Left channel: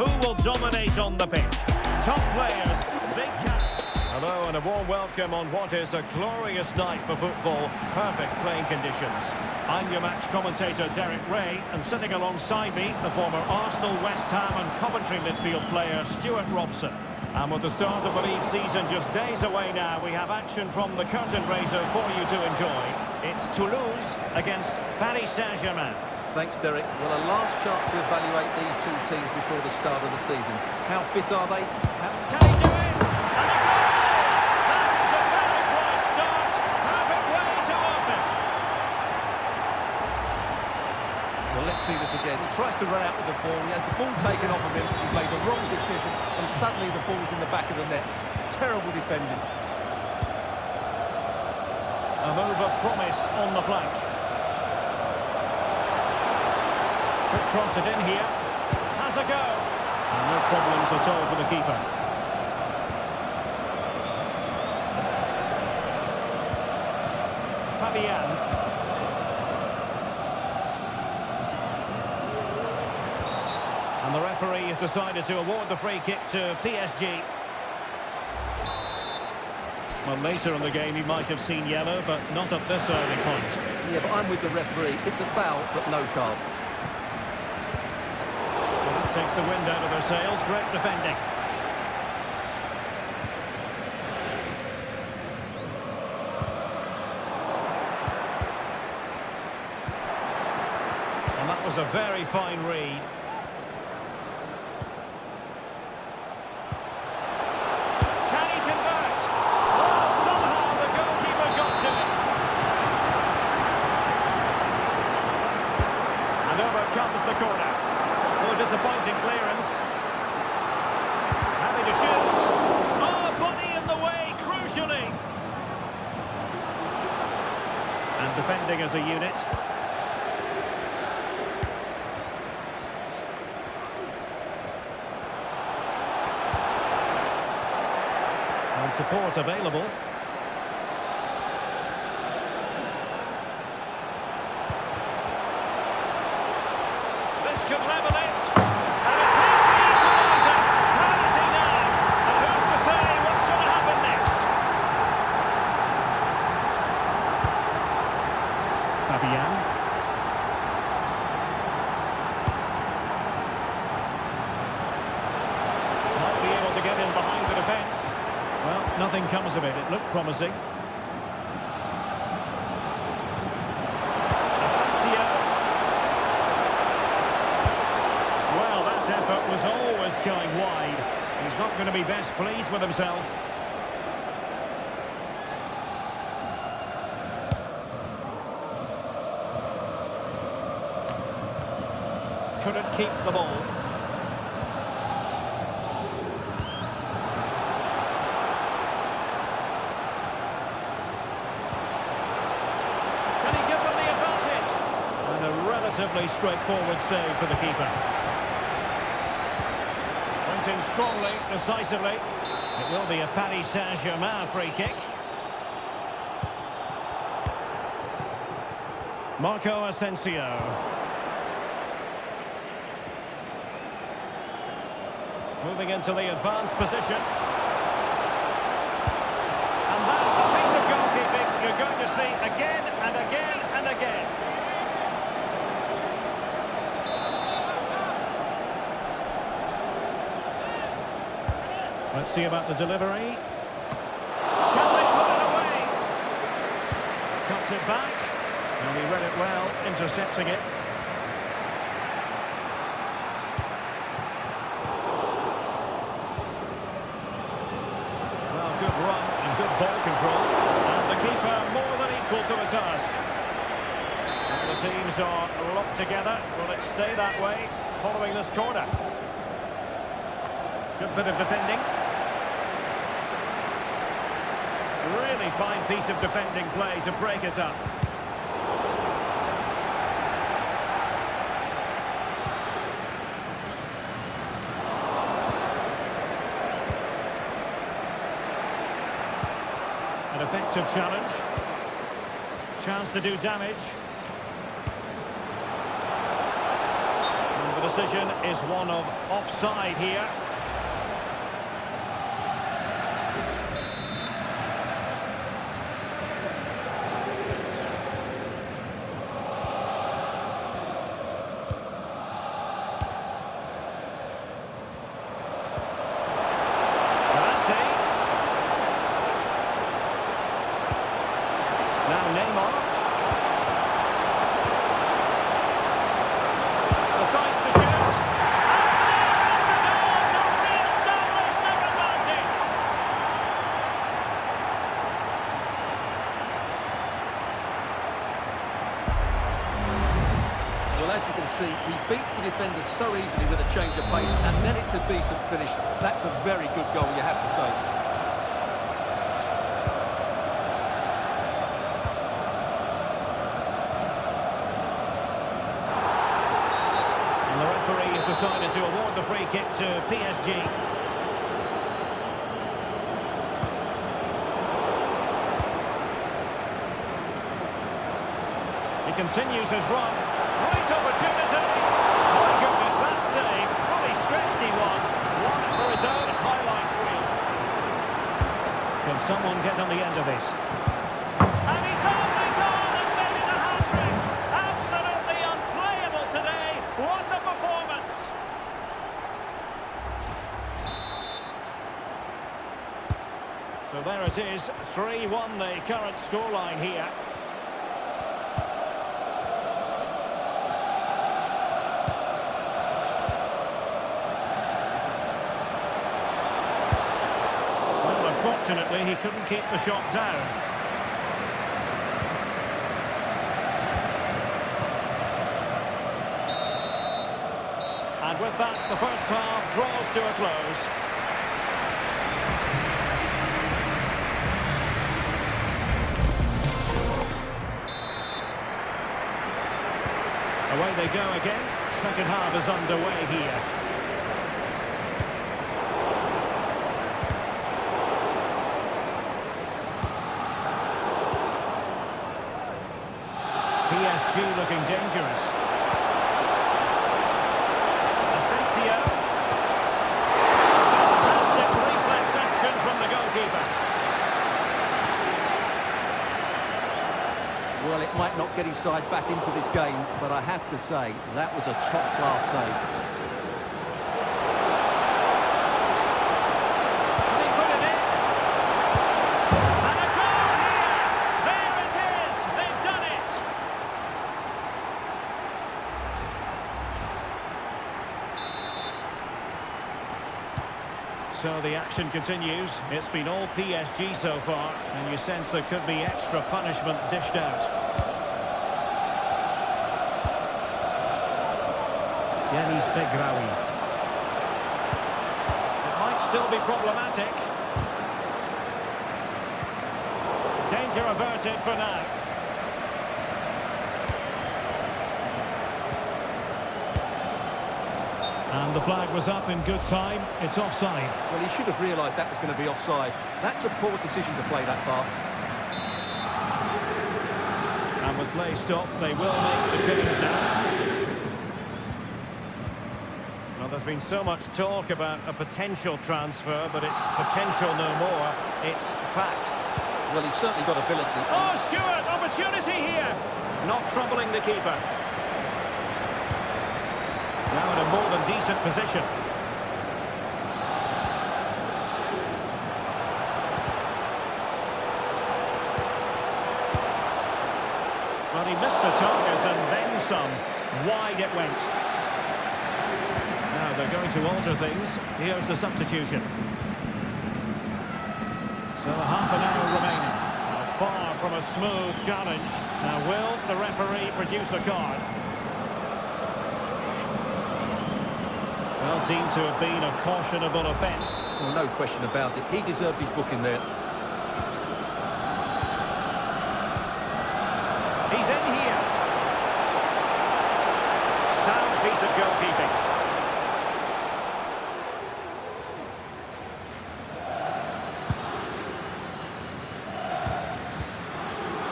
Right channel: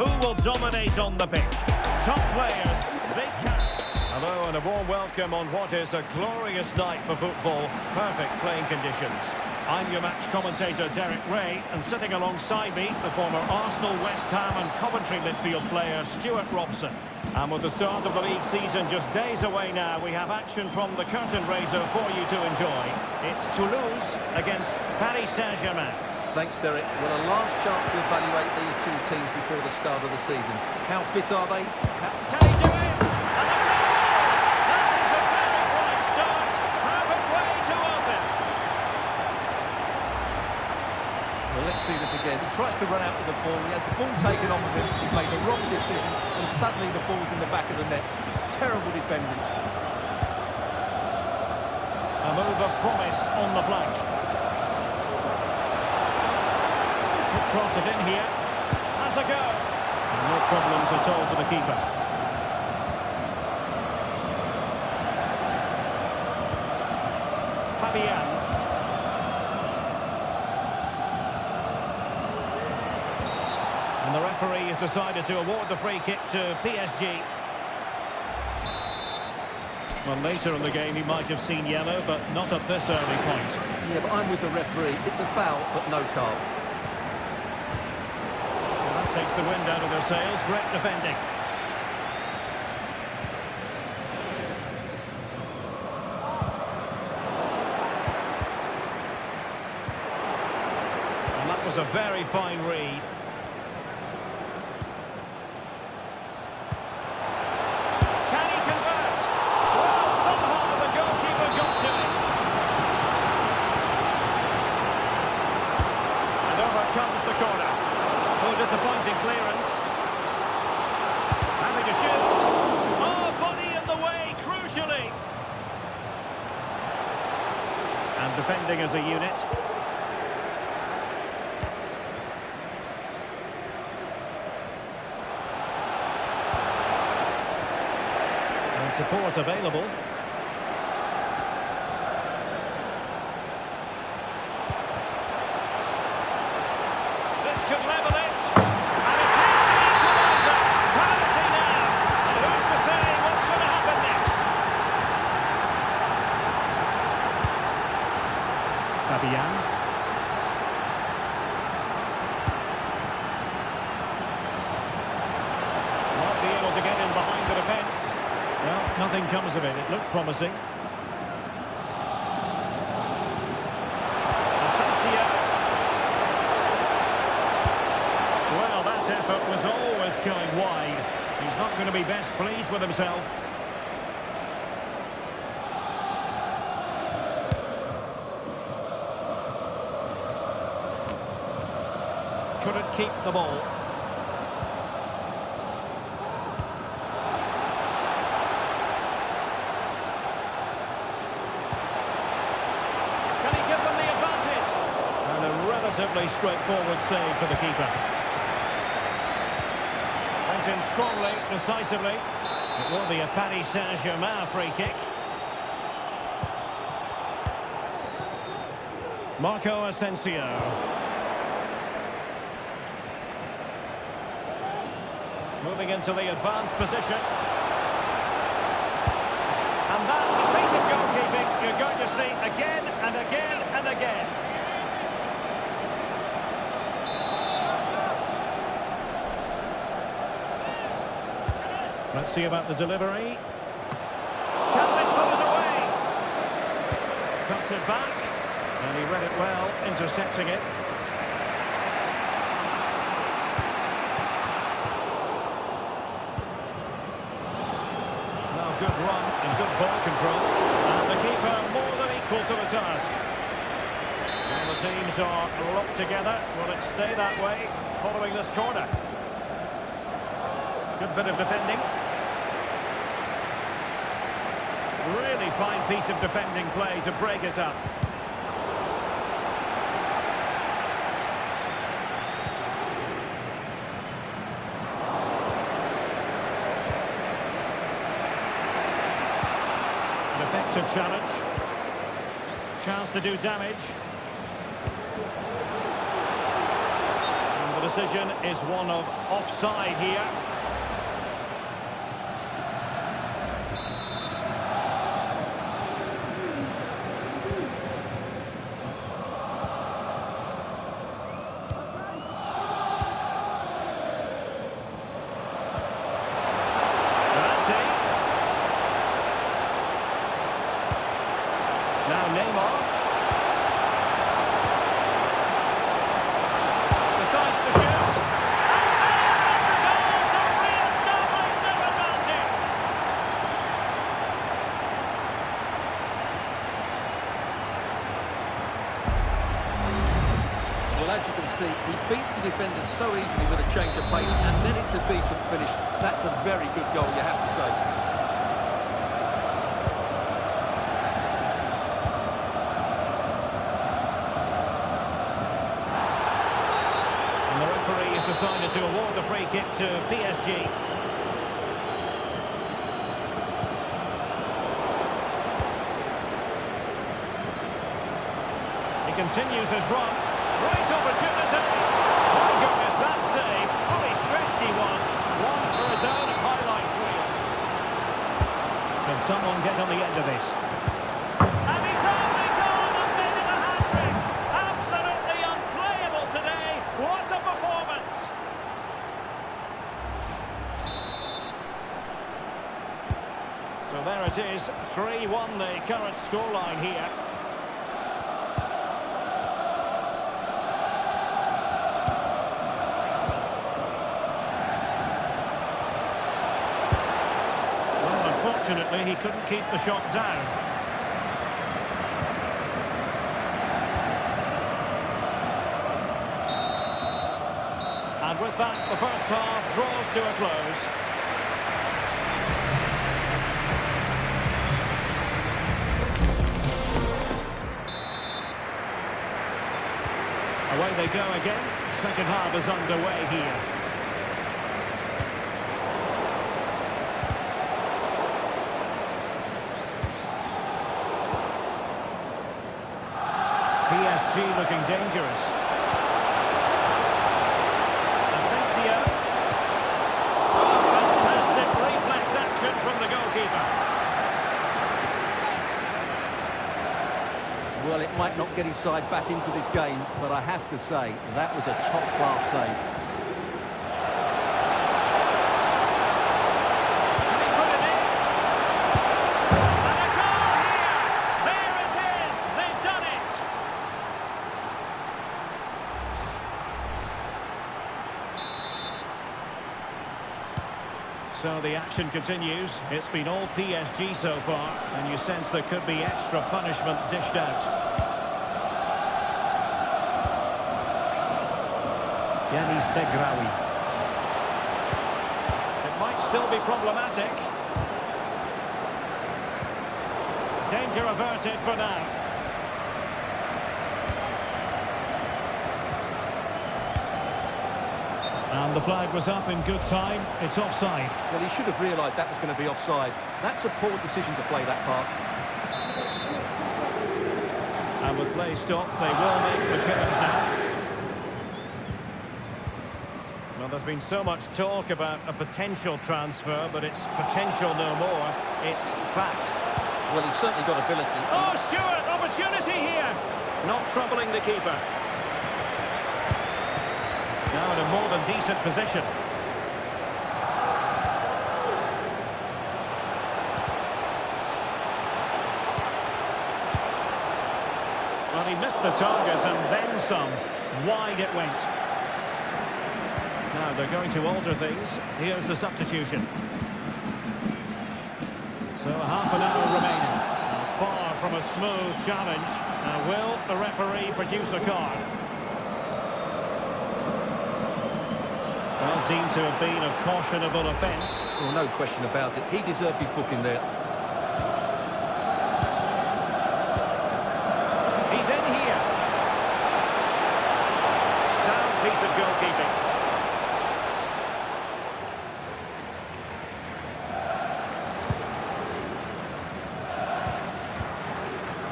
who will dominate on the pitch. Top players, big characters. Hello and a warm welcome on what is a glorious night for football. Perfect playing conditions. I'm your match commentator Derek Ray, and sitting alongside me, the former Arsenal, West Ham and Coventry midfield player Stuart Robson. And with the start of the league season just days away now, we have action from the curtain raiser for you to enjoy. It's Toulouse against Paris Saint-Germain. Thanks, Derek. Well, a last chance to evaluate these two teams before the start of the season. How fit are they? Can he do it? And a goal! That is a very bright start. Perfect way to open. Well, let's see this again. He tries to run out with the ball. He has the ball taken off of him. He's made the wrong decision, and suddenly the ball's in the back of the net. Terrible defending. A move of promise on the flank. Could cross it in here. Has a go. And no problems at all for the keeper. Fabian. And the referee has decided to award the free kick to PSG. Well, later in the game he might have seen yellow, but not at this early point. Yeah, but I'm with the referee. It's a foul, but no card. Well, that takes the wind out of their sails. Great defending. And that was a very fine read. Can he convert? Well, somehow the goalkeeper got to it. And over comes the corner. Oh, disappointing clearance. Happy to shoot. Oh, body in the way, crucially. And defending as a unit. And support available. This could level it. And it is the equaliser. Penalty now. And who's to say what's going to happen next? Fabian. Might be able to get in behind the defence. Well, nothing comes of it. It looked promising. Asensio. Well, that effort was always going wide. He's not going to be best pleased with himself. Couldn't keep the ball. Can he give them the advantage? And a relatively straightforward save for the keeper. Went in strongly, decisively. It will be a Paris Saint-Germain free kick. Marco Asensio. Moving into the advanced position. And that, a piece of goalkeeping you're going to see again and again and again. Let's see about the delivery. Can they put it away? Cuts it back. And he read it well, intercepting it. Well, good run and good ball control. And the keeper more than equal to the task. And the teams are locked together. Will it stay that way following this corner? Good bit of defending. Really fine piece of defending play to break us up. An effective challenge. Chance to do damage. And The decision is one of offside here. Now Neymar. Decides to shoot. And there is the goal to re-establish their advantage. Well, as you can see, he beats the defender so easily with a change of pace, and then it's a decent finish. That's a very good goal, you have to say. And the referee has decided to award the free kick to PSG. He continues his run. Great opportunity. My goodness, that save. Fully stretched he was. One for his own highlights reel. Can someone get on the end of this? And he's only gone and made it a hat-trick. Absolutely unplayable today. What a performance. So there it is. 3-1 the current scoreline here. Unfortunately, he couldn't keep the shot down. And with that, the first half draws to a close. Away they go again. Second half is underway here. PSG looking dangerous. Asensio. Oh, fantastic reflex action from the goalkeeper. Well, it might not get his side back into this game, but I have to say, that was a top-class save. Can he put it in? And a goal here! There it is! They've done it! So the action continues. It's been all PSG so far, and you sense there could be extra punishment dished out. Yanis Begraoui. It might still be problematic. Danger averted for now. And the flag was up in good time. It's offside. Well, he should have realised that was going to be offside. That's a poor decision to play that pass. And with play stopped, they will make the change now. Well, there's been so much talk about a potential transfer, but it's potential no more. It's fact. Well, he's certainly got ability. Oh, Stewart, opportunity here. Not troubling the keeper. Now in a more than decent position. Well, he missed the target and then some. Wide it went. Now they're going to alter things. Here's the substitution. So half an hour remaining. Now far from a smooth challenge. Now will the referee produce a card? Well, deemed to have been a cautionable offence. Well, no question about it. He deserved his booking there. He's in here. Sound piece of goalkeeping.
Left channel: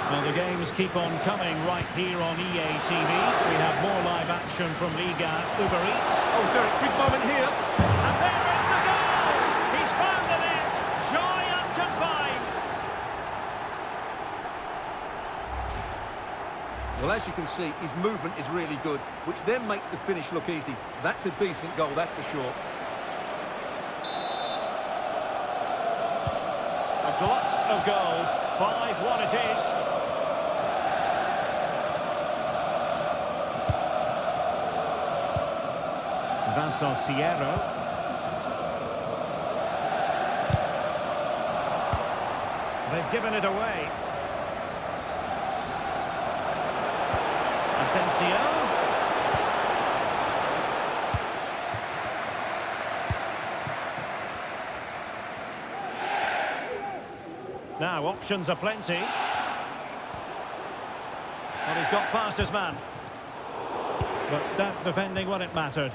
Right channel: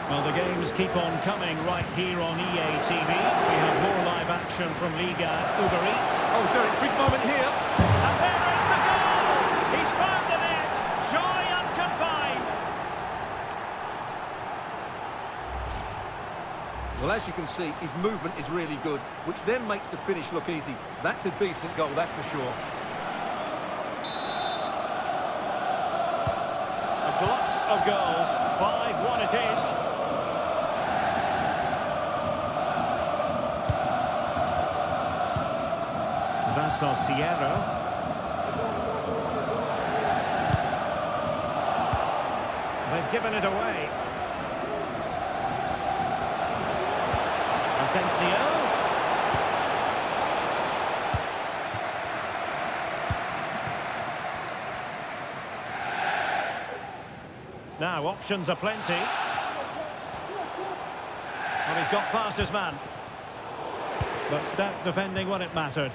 Well, the games keep on coming right here on EA TV. We have more live action from Liga Uber Eats. Oh, Derek, big moment here. And there is the goal! He's found the net! Joy unconfined! Well, as you can see, his movement is really good, which then makes the finish look easy. That's a decent goal, that's for sure. A glut of goals. 5-1 it is. Vincent Sierro. They've given it away. Asensio. Now, options are plenty. Well, he's got past his man. But stout defending when it mattered.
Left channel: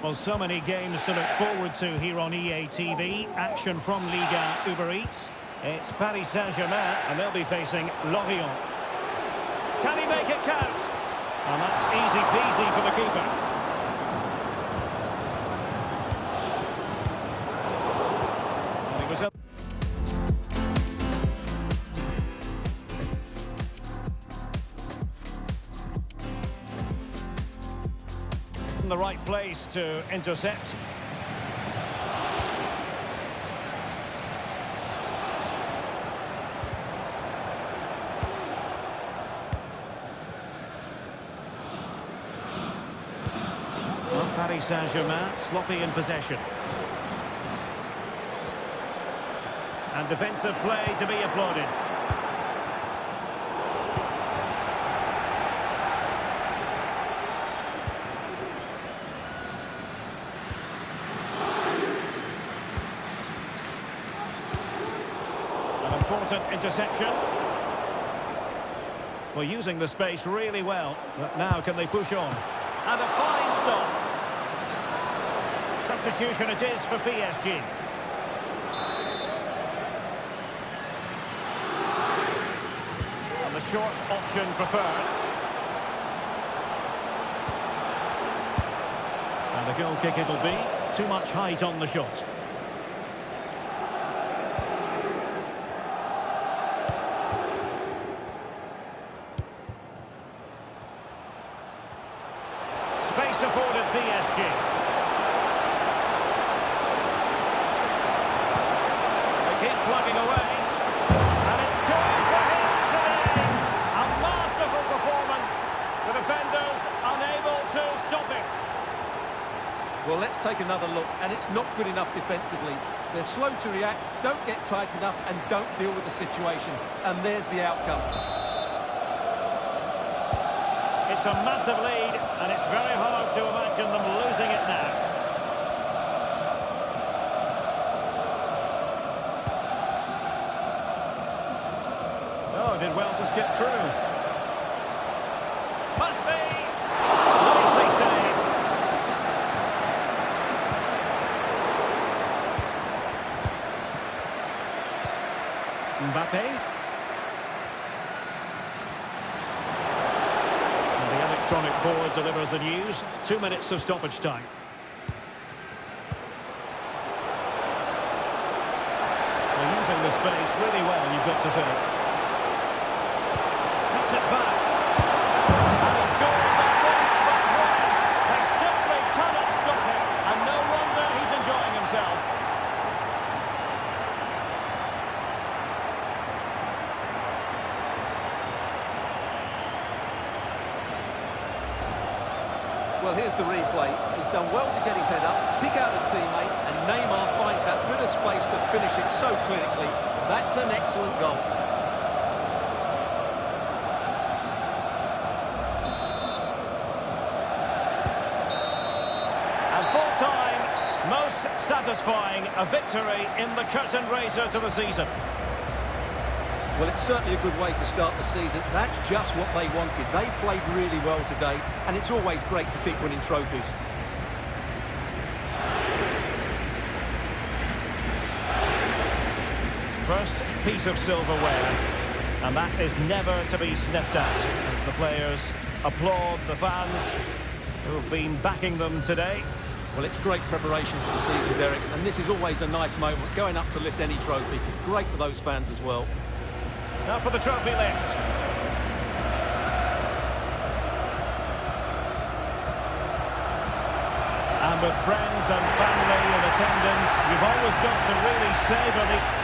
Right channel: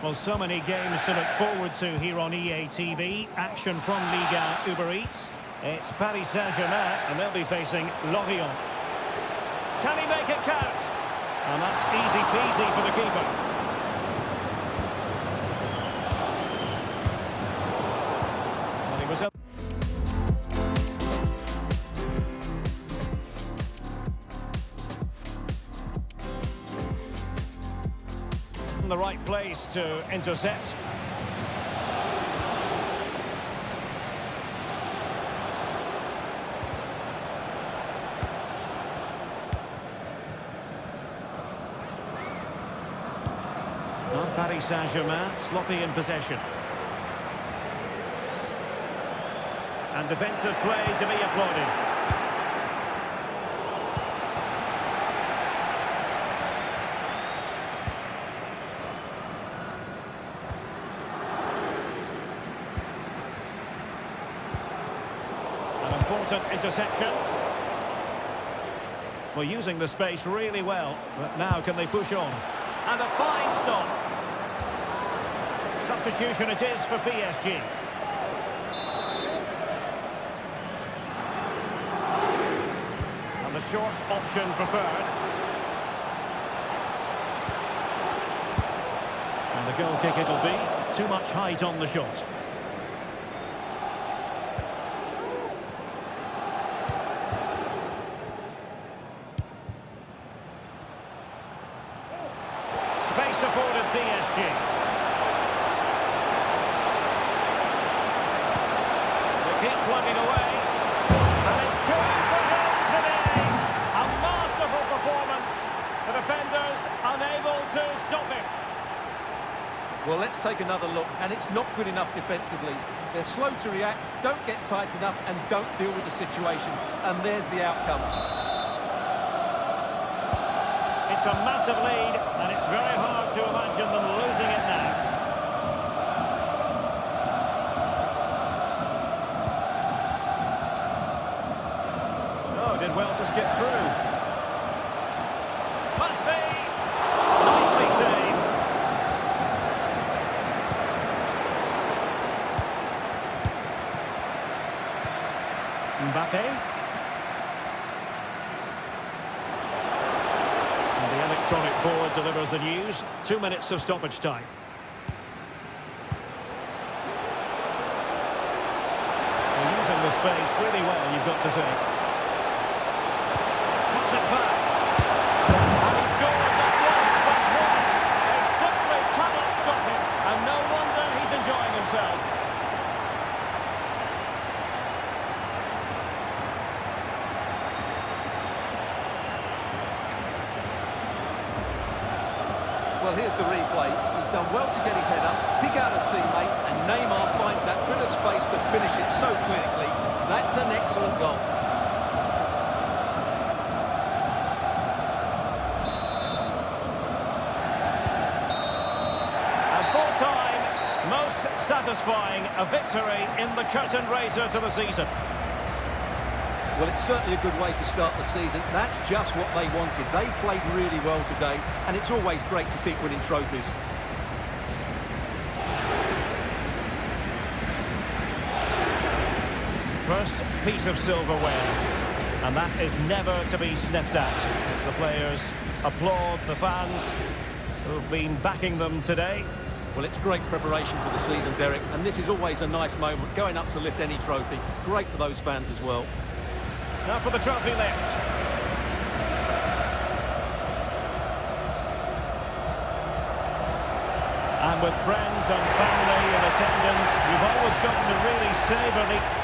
Well, so many games to look forward to here on EA TV. Action from Liga Uber Eats. It's Paris Saint-Germain, and they'll be facing Lorient. Can he make it count? And that's easy peasy for the keeper. Well, he was up. In the right place to intercept. Well, Paris Saint-Germain sloppy in possession. And defensive play to be applauded. An important interception. Well, using the space really well, but now can they push on? And a fine stop. Substitution it is for PSG. And the short option preferred. And a goal kick it'll be. Too much height on the shot. Space afforded PSG. They keep plugging away. And it's two for him today. A masterful performance. The defenders unable to stop him. Well, let's take another look, and it's not good enough defensively. They're slow to react, don't get tight enough, and don't deal with the situation. And there's the outcome. It's a massive lead, and it's very hard to imagine them losing it now. Oh, did well to skip through. Must be! Nicely saved. Mbappe. And the electronic board delivers the news. 2 minutes of stoppage time. They're using the space really well, you've got to say. Cuts it back. And he scored not once but twice. They simply cannot stop him. And no wonder he's enjoying himself. Well, here's the replay. He's done well to get his head up, pick out a teammate, and Neymar finds that bit of space to finish it so clinically. That's an excellent goal. And full time, most satisfying, a victory in the curtain raiser to the season. Well, it's certainly a good way to start the season. That's just what they wanted. They played really well today, and it's always great to keep winning trophies. First piece of silverware, and that is never to be sniffed at as the players applaud the fans who've been backing them today. Well, it's great preparation for the season, Derek, and this is always a nice moment, going up to lift any trophy. Great for those fans as well. Now for the trophy lift. And with friends and family in attendance, you've always got to really savour the...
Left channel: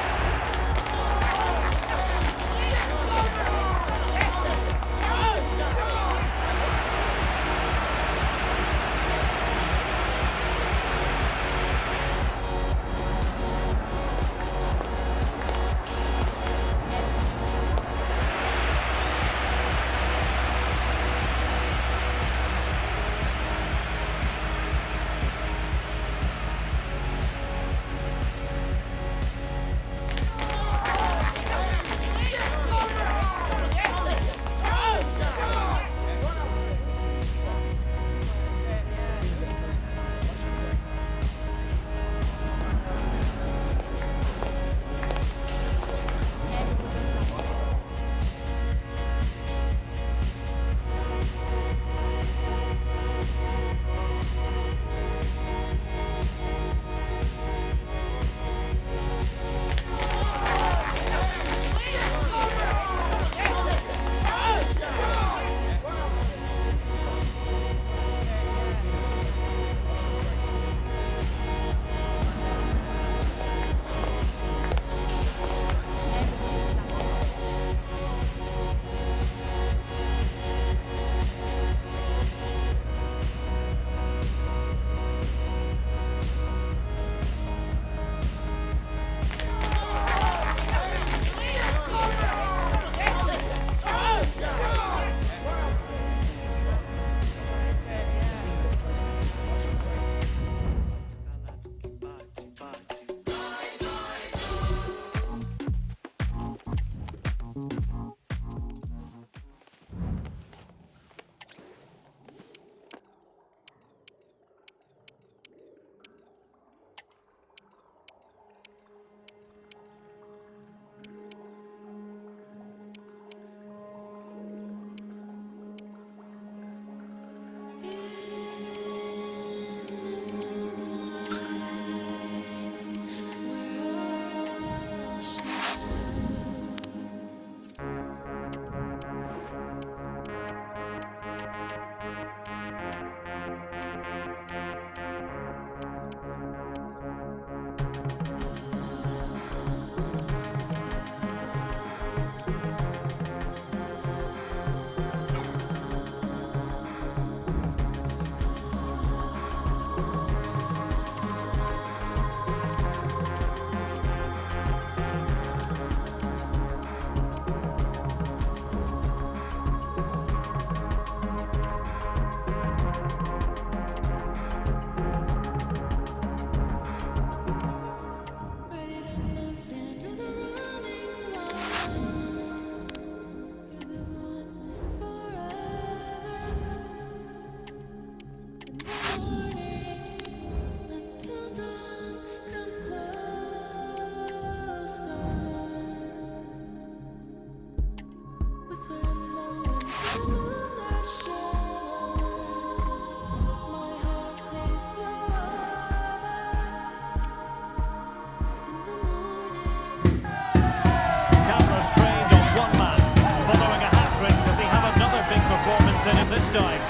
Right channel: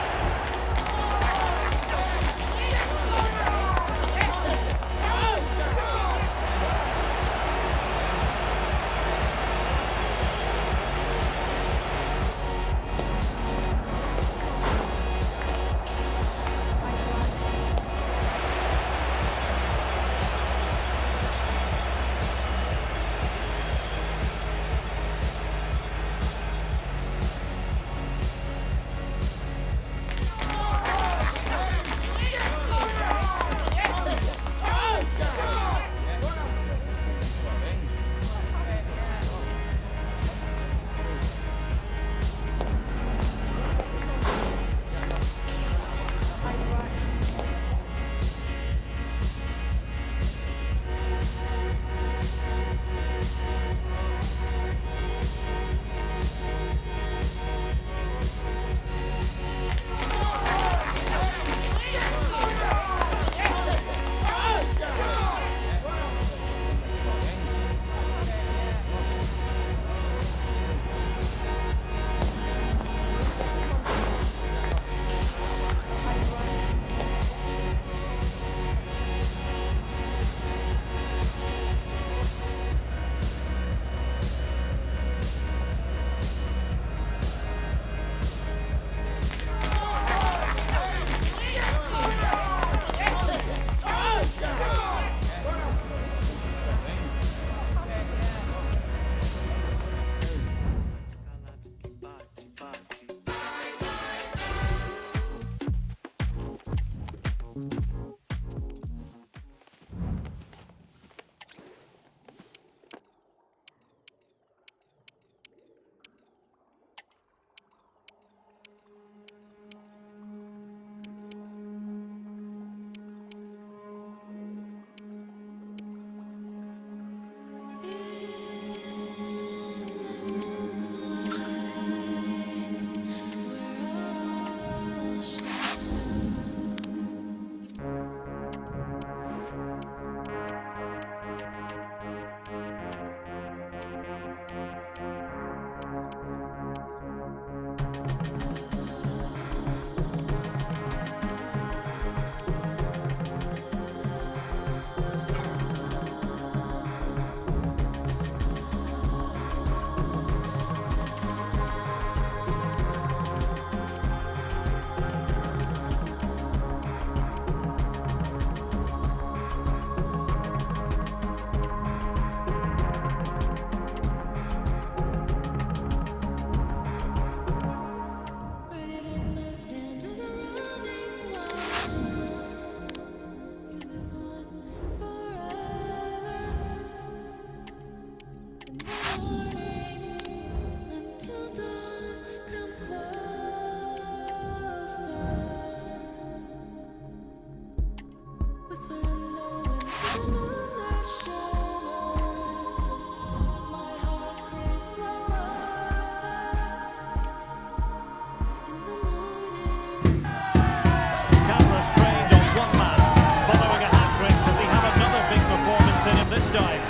This time,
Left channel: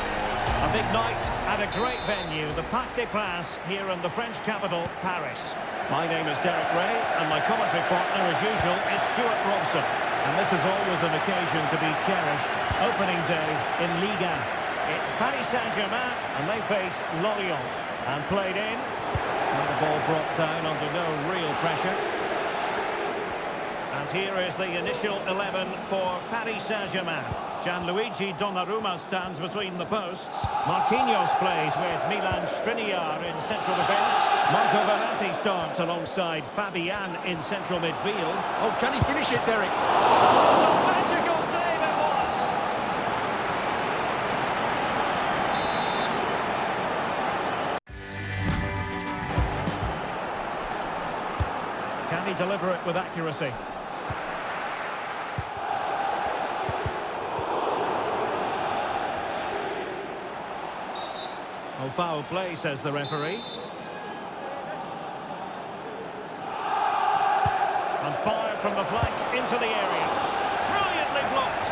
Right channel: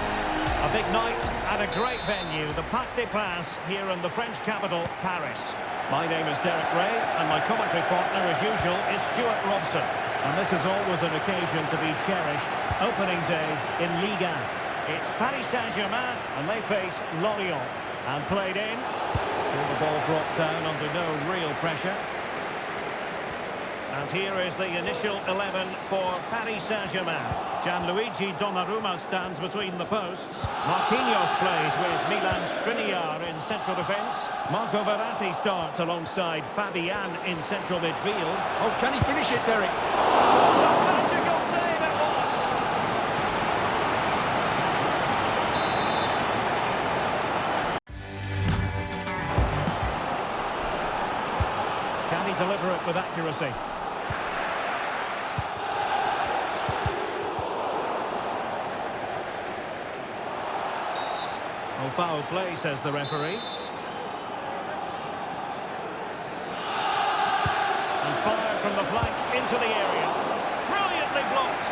a big night at a great venue, the Parc des Princes here in the French capital, Paris. My name is Derek Ray, and my commentary partner, as usual, is Stuart Robson. And this is always an occasion to be cherished. Opening day in Ligue 1. It's Paris Saint-Germain, and they face Lorient. And played in, and the ball brought down under no real pressure. And here is the initial 11 for Paris Saint-Germain. Gianluigi Donnarumma stands between the posts. Marquinhos plays with Milan Skriniar in central defence. Marco Verratti starts alongside Fabian in central midfield. Oh, can he finish it, Derek? What a magical save it was! Can he deliver it with accuracy? Oh, foul play, says the referee. And fired from the flank into the area. Brilliantly blocked.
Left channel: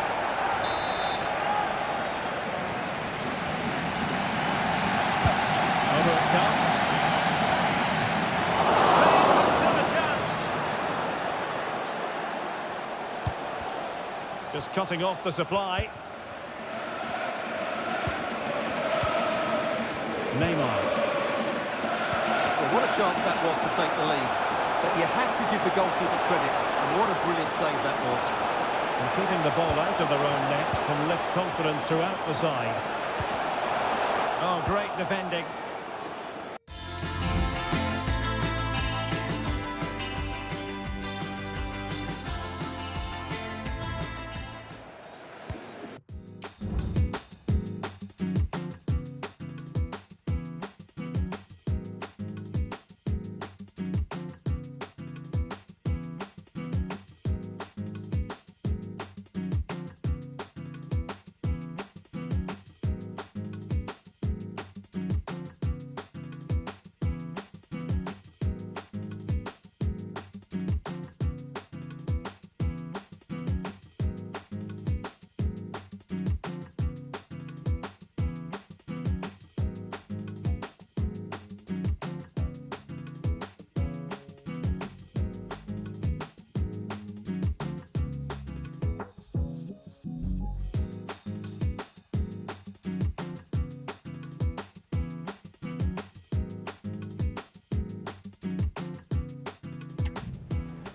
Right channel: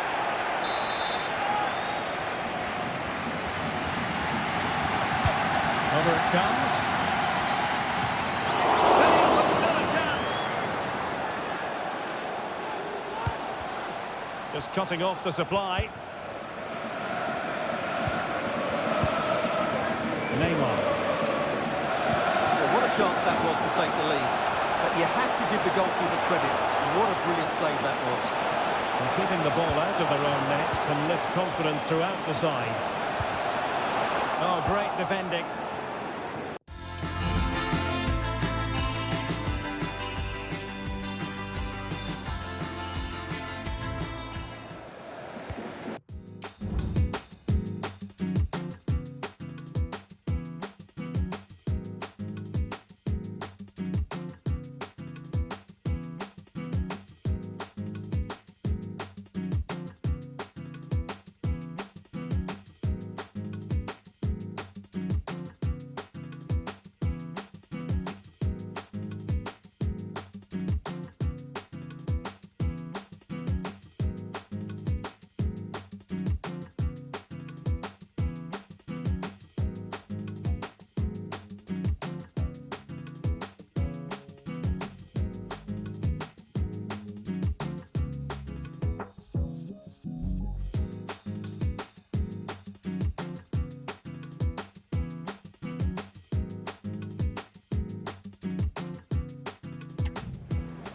Over it comes. Save, but still a chance. Just cutting off the supply. Neymar. Well, what a chance that was to take the lead. But you have to give the goalkeeper credit. And what a brilliant save that was. And keeping the ball out of their own net can lift confidence throughout the side. Oh, great defending.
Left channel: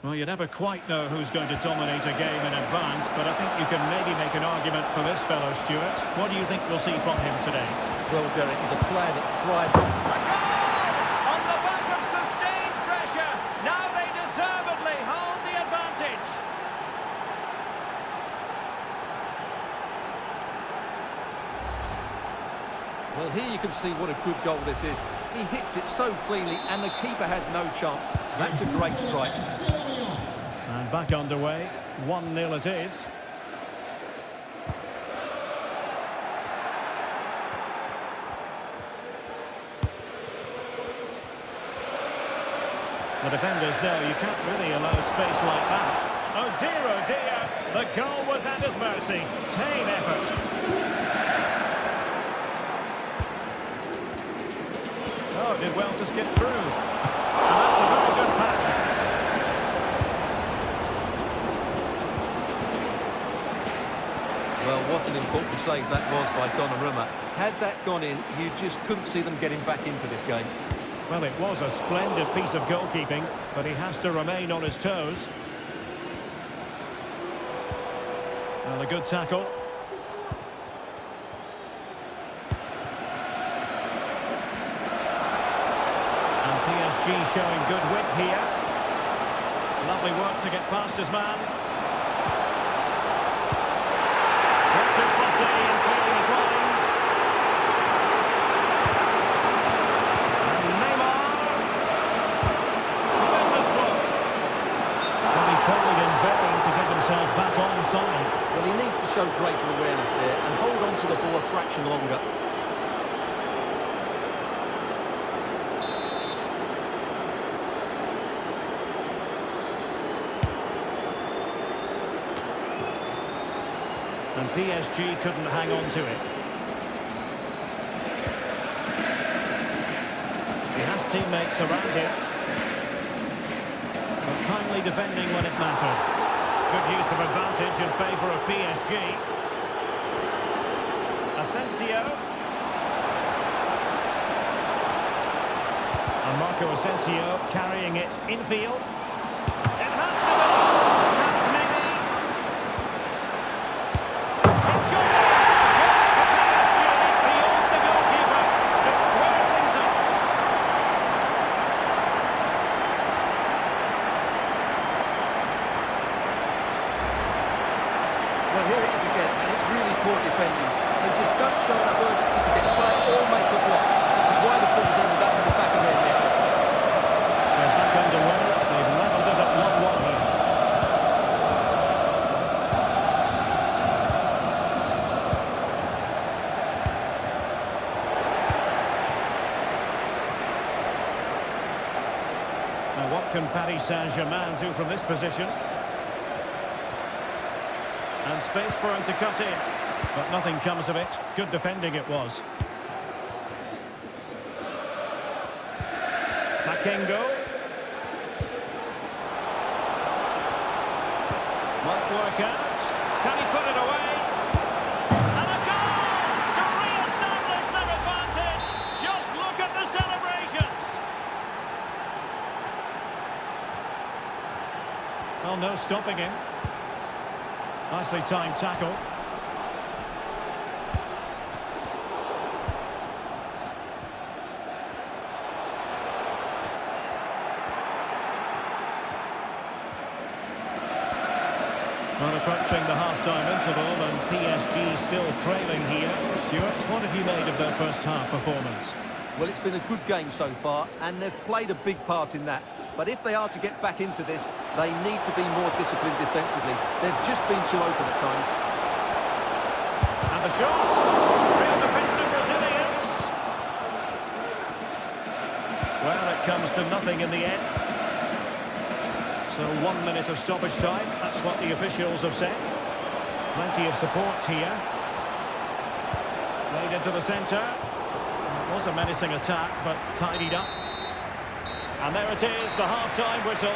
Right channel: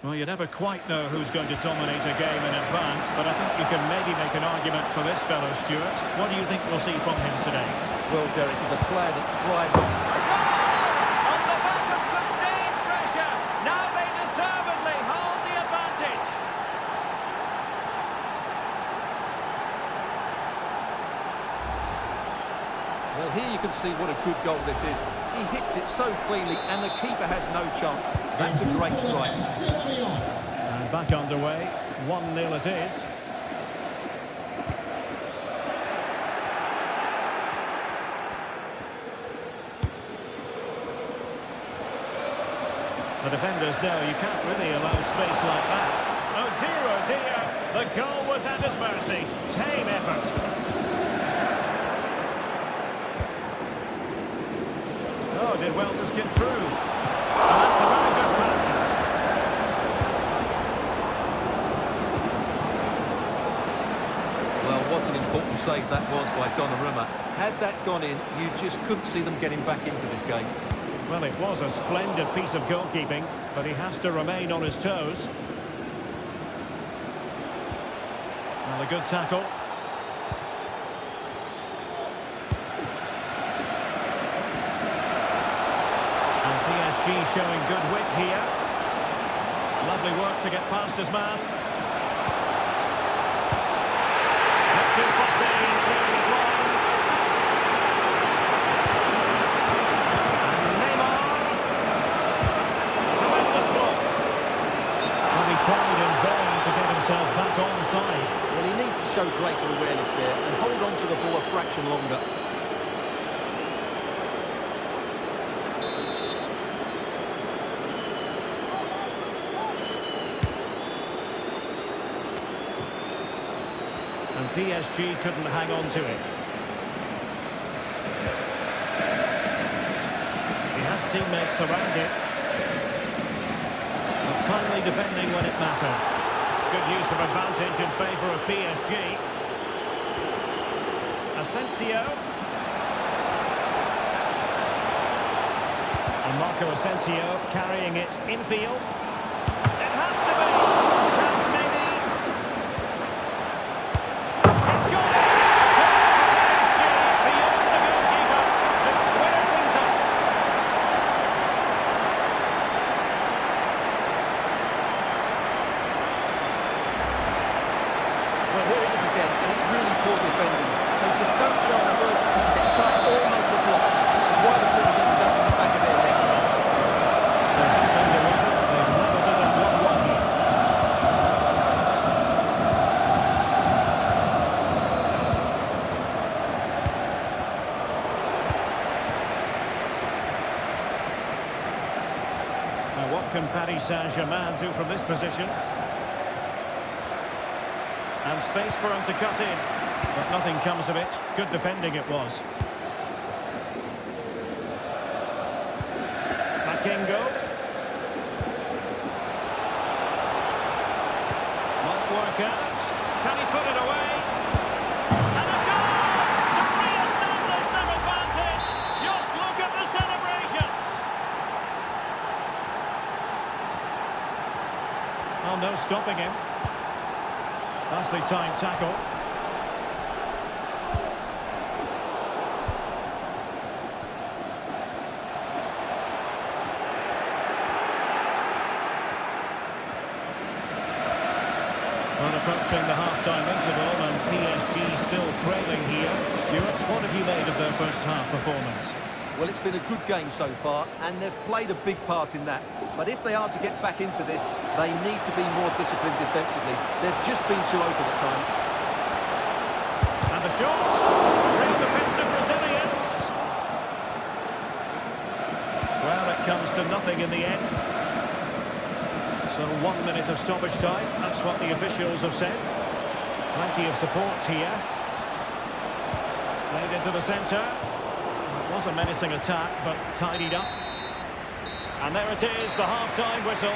Well, you never quite know who's going to dominate a game in advance, but I think you can maybe make an argument for this fellow, Stuart. What do you think we'll see from him today? Well, Derek, he's a player that thrives A goal! On the back of sustained pressure. Now they deservedly hold the advantage. Well, here you can see what a good goal this is. He hits it so cleanly, and the keeper has no chance. That's a great strike. And back underway. 1-0 it is. The defenders know you can't really allow space like that. Oh dear, the goal was at his mercy. Tame effort. Oh, did well to skip through. And that's a very good pass. Well, what an important save that was by Donnarumma. Had that gone in, you just couldn't see them getting back into this game. Well, it was a splendid piece of goalkeeping, but he has to remain on his toes. Well, a good tackle. And PSG showing good width here. Lovely work to get past his man. Not too fussy in clearing his lines. And Neymar. Tremendous block. Well, he tried in vain to get himself back onside. Well, he needs to show greater awareness there and hold on to the ball a fraction longer. And PSG couldn't hang on to it. He has teammates around him. But timely defending when it mattered. Good use of advantage in favour of PSG. Asensio. And Marco Asensio carrying it infield. It has to be. Chance maybe. It's gone. A goal for PSG beyond the goalkeeper to square things up. Well, here it is again, and it's really poor defending. They just don't show enough urgency to get tight or make the block, which is why the ball's ended up in the back of their net. So back underway, they've levelled it at Now, what can Paris Saint-Germain do from this position? And space for him to cut in. But nothing comes of it. Good defending it was. Makengo. Might work out. Can he put it away? And a goal to re-establish their advantage. Just look at the celebrations. Oh, no stopping him. Nicely timed tackle. Well, approaching the half-time interval and PSG still trailing here. Stuart, what have you made of their first half performance? Well, it's been a good game so far, and they've played a big part in that. But if they are to get back into this, they need to be more disciplined defensively. They've just been too open at times. And the shot. Real defensive resilience. Well, it comes to nothing in the end. So 1 minute of stoppage time, that's what the officials have said. Plenty of support here. Laid into the centre. It was a menacing attack, but tidied up. And there it is, the half-time whistle.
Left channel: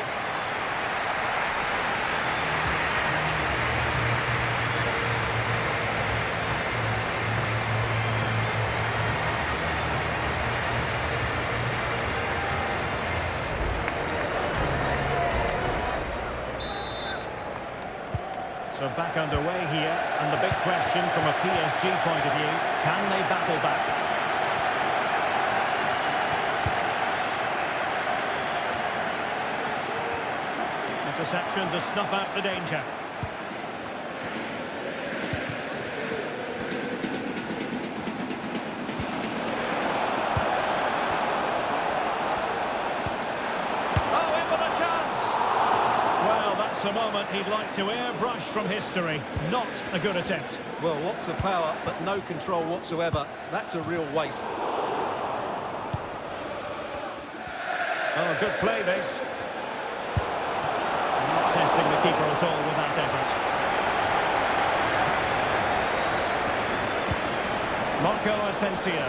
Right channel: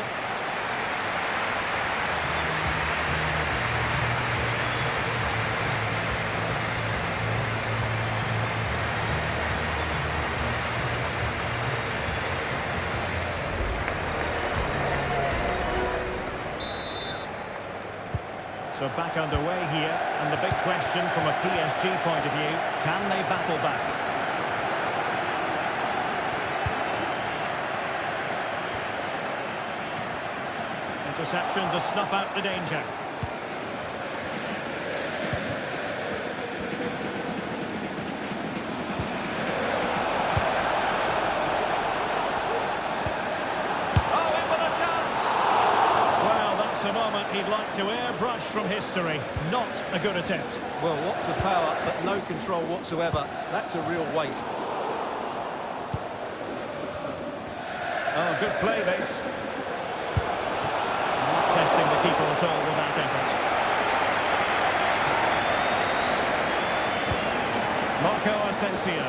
So back underway here, and the big question from a PSG point of view, can they battle back? Interception to snuff out the danger. Oh, in with a chance! Well, that's a moment he'd like to airbrush from history. Not a good attempt. Well, lots of power, but no control whatsoever. That's a real waste. Oh, good play, this. Not testing the keeper at all with that effort. Marco Asensio.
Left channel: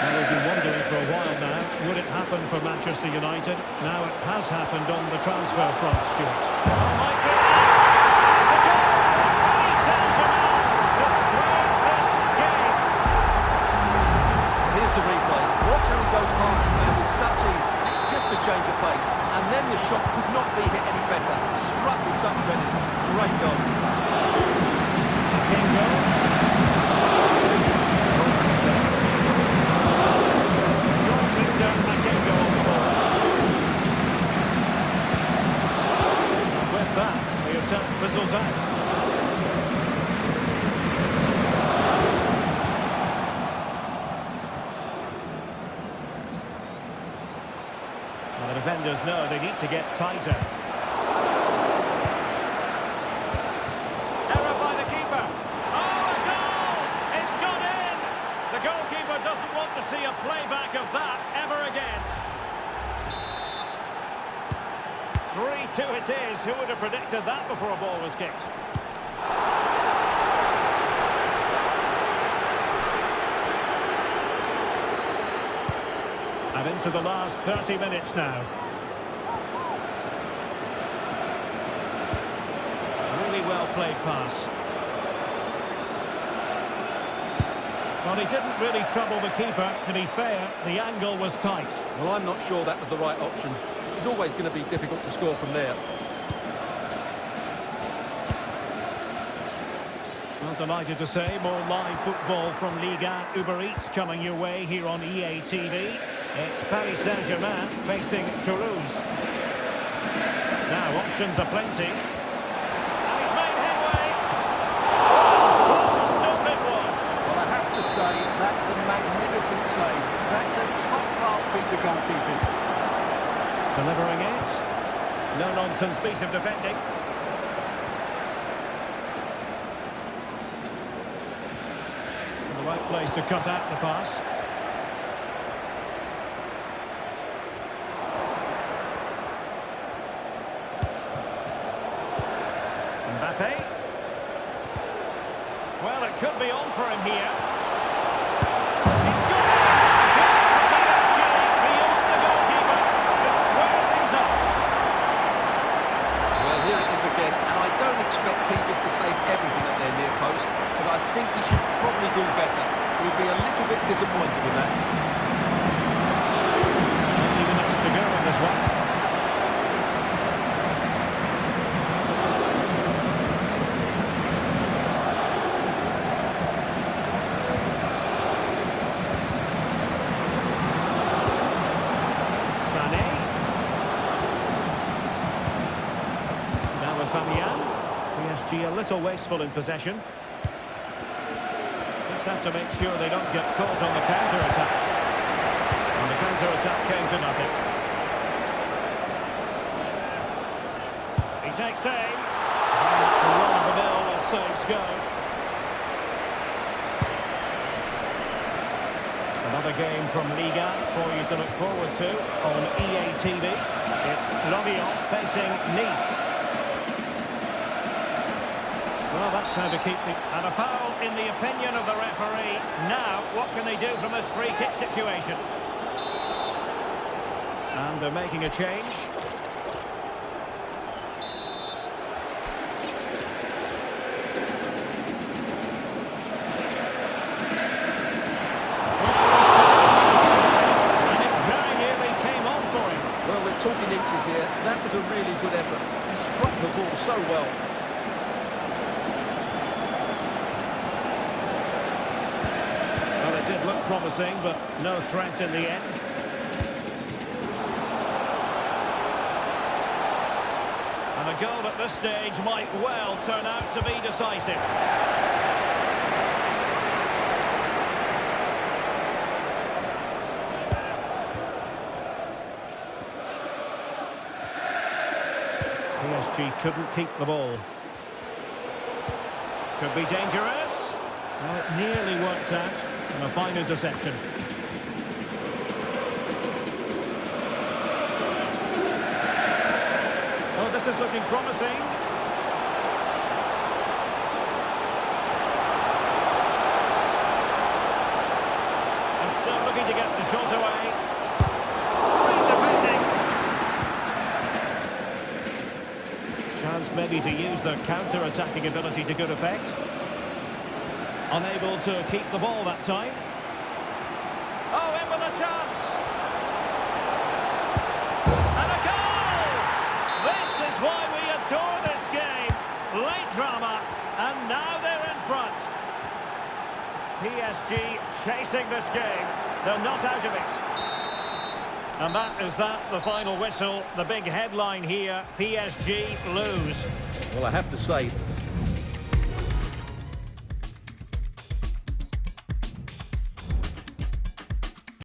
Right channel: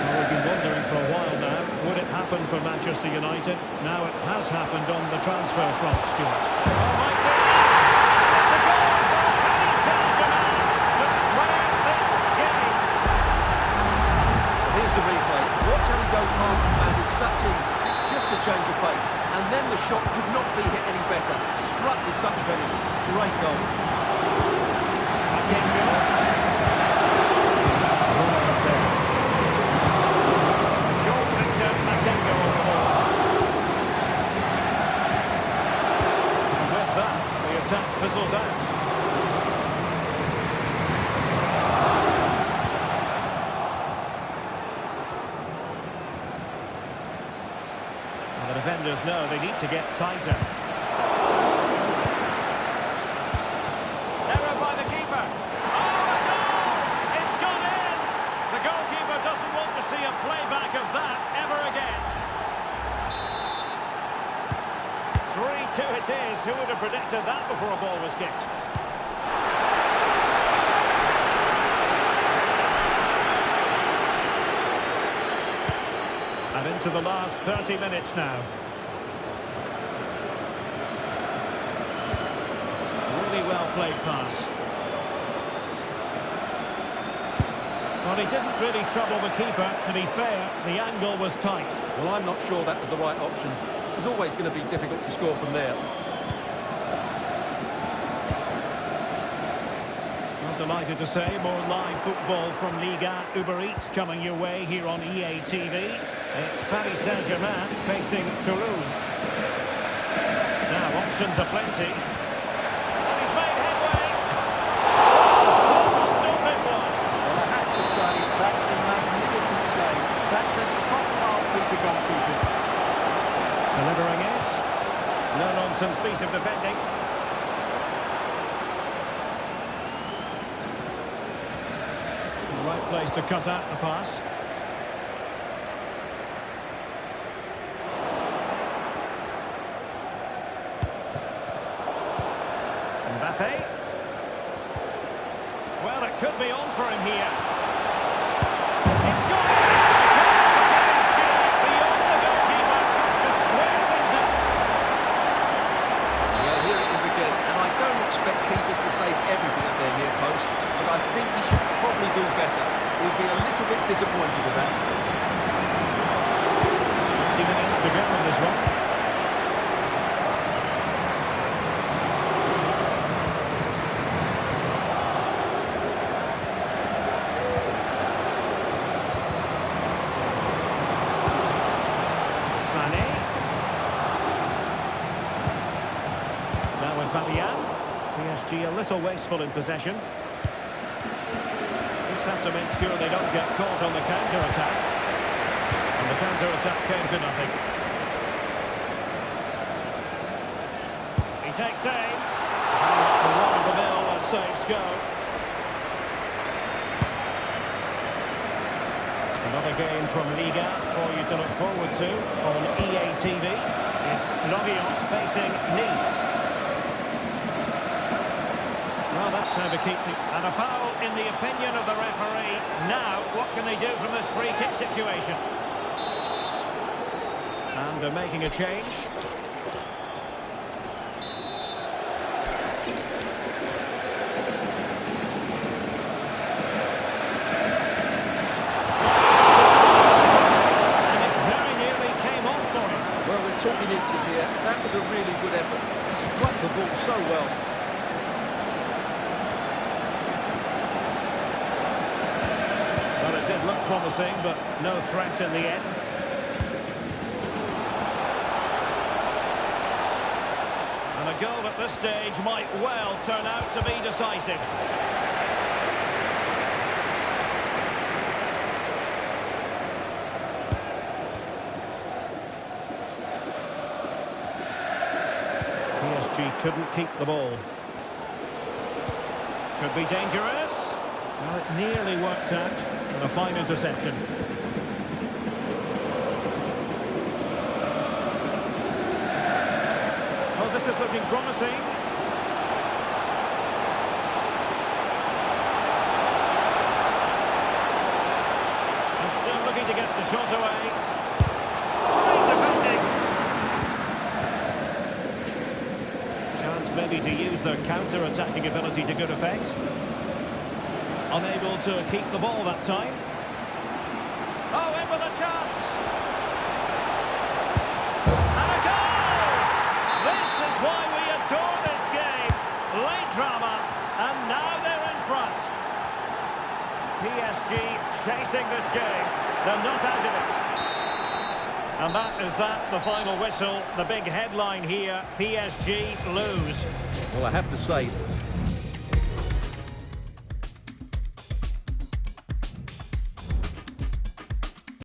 Well, we've been wondering for a while now, would it happen for Manchester United? Now it has happened on the transfer front, Stuart. Oh, might be! It's a goal for Paris Saint-Germain to square this game. Here's the replay. Watch how he goes past the man with such ease. It's just a change of pace. And then the shot could not be hit any better. Struck with such venom. Great goal. Makengo. Jean-Victor Makengo on the ball. And with that, the attack fizzles out. Well, the defenders know they need to get tighter. Error by the keeper. Oh, a goal! It's gone in! The goalkeeper doesn't want to see a playback of that ever again. 3-2 it is. Who would have predicted that before a ball was kicked? And into the last 30 minutes now. Really well played pass. Well, he didn't really trouble the keeper. To be fair, the angle was tight. Well, I'm not sure that was the right option. It was always going to be difficult to score from there. Well, delighted to say, more live football from Liga Uber Eats coming your way here on EA TV. It's Paris Saint-Germain facing Toulouse. Now, options are plenty. And he's made headway. Oh, what a stop it was. Well, I have to say, that's a magnificent save. That's a top-class piece of goalkeeping. Delivering it. No-nonsense piece of defending. In the right place to cut out the pass. Mbappe. Well, it could be on for him here. It's got it! A goal for PSG beyond the goalkeeper to square things up. Well, here it is again, and I don't expect keepers to save everything at their near post, but I think he should probably do better. He'll be a little bit disappointed with that. 20 minutes to go in this one. Sané. Now with Fabian. PSG a little wasteful in possession. Just have to make sure they don't get caught on the counter-attack. And the counter-attack came to nothing. He takes aim. Very much run-of-the-mill as saves go. Another game from Liga for you to look forward to on EA TV. It's Lorient facing Nice. Well, that's how to keep the... And a foul in the opinion of the referee. Now, what can they do from this free kick situation? And they're making a change. And it very nearly came off for him. Well, we're talking inches here. That was a really good effort. He struck the ball so well. Well, it did look promising, but no threat in the end. And a goal at this stage might well turn out to be decisive. PSG couldn't keep the ball. Could be dangerous. Well, it nearly worked out, and a fine interception. Oh, this is looking promising. And still looking to get the shot away. Great defending. Chance maybe to use their counter-attacking ability to good effect. Unable to keep the ball that time. Oh, in with a chance. And a goal! This is why we adore this game. Late drama, and now they're in front. PSG chasing this game. They're not out of it. And that is that, the final whistle. The big headline here, PSG lose. Well, I have to say,